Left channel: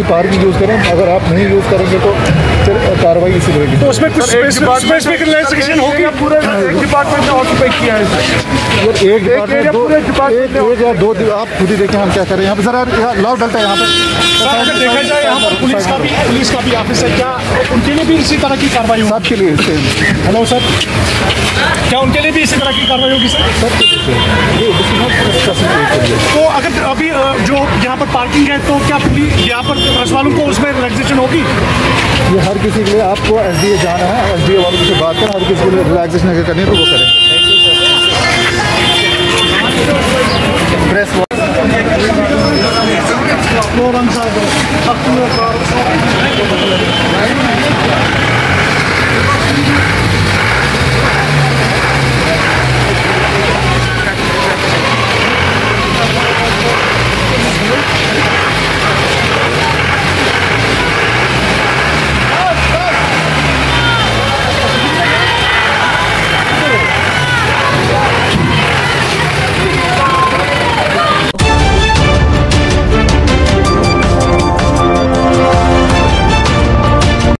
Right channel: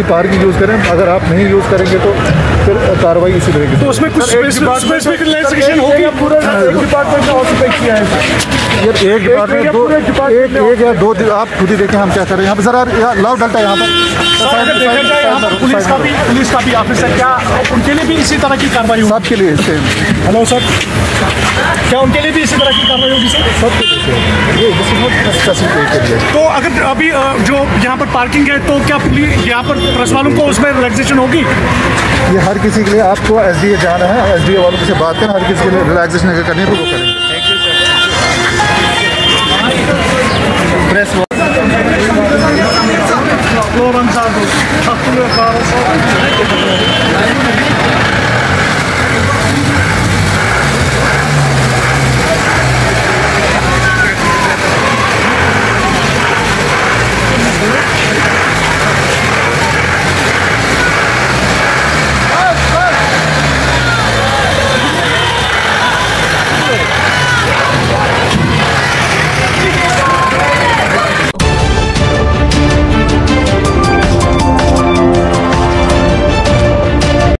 Responsibly parking use करें। अगर आप नहीं यूज़ करेंगे तो फिर कार्रवाई इसी रहेगी। तो उसमें कुछ स्पेसिफिक रिलैक्सेशन होगी? पूरे डिपार्टमेंट ने ऑक्यूपाई किया है यार, एक डिपार्टमेंट दो, एक या दो, आप खुद ही देखें हम क्या कर रहे हैं यहाँ पे। सर लाभ डलता है यहाँ पे। देखा जाए यहाँ पर पुलिस का भी ऑफिस है, क्या उनके लिए भी इसी तरह की कार्रवाई होगी? सबके लिए सेम। हेलो सर, क्या उनके लिए भी इसी तरह की कार्रवाई होगी सर? सबके लिए ये तो अगर अभी जो यहाँ पर पार्किंग है तो क्या पुलिस यहाँ पर प्रेस वालों को उसमें रिलैक्सेशन होगी? ये हर किसी के लिए, आपको एसडीए जाना है, एसडीए वालों से बात करें, हर किसी के लिए रिलैक्सेशन अगर करनी है तो वो करें। Thank you sir. प्रेस